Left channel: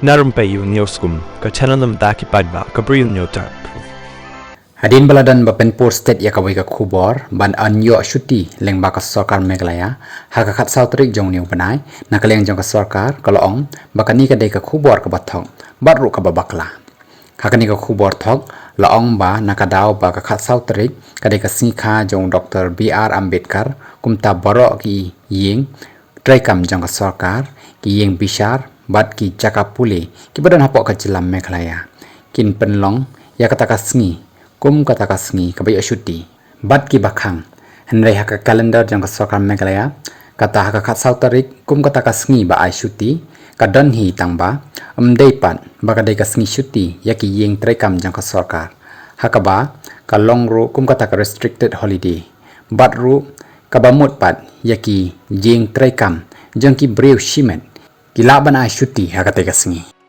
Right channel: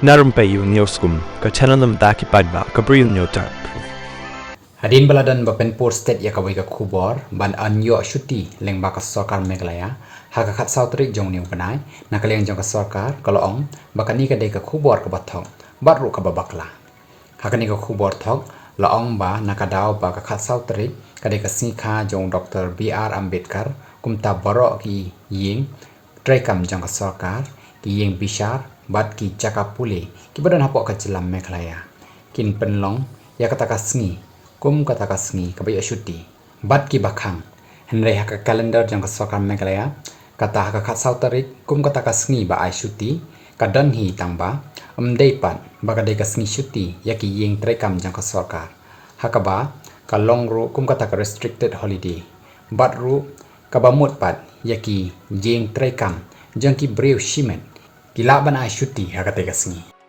Na Rympei U ka channel nabynta ki paidbah ka Bri U Hynñiewtrep. Hadin baladan bapen por state ya kawai ka khubor ban anyo shuti leng baka sorkar Meghalaya haka khat sau tarik jong niu panai nakaleng jong ka sorkar kalong bakani ka dei ka khubor ka bathong baru ka babakla hakani ka khubor thok laong ba nakadaw ba ka khat sau tarik ka dei ka singkha jong Dr. B.R. Ambedkar kumta baroh ki jing traikam jong ka sorkar ki jing bishar bat ki jakapule ki badan hapok ka jilam Meghalaya kin penlong ya kata ka sngi kum kata kasngi kabai shuti bat ki bakhang henrei haka kalendar jang ka sorkar Meghalaya kata haka khat sau tarik kum kata kasngi ba ai shuti kadan hi tangba amdei pat baka dei kasngi shuti yaki yeng traikam jang ka sorkar haka ba ka long ru kum kata ka restricted holiday bat ru ka bamut pat yaki jing traikam jang ki Bri U Shibun ki laban ai shuti haka te kasngi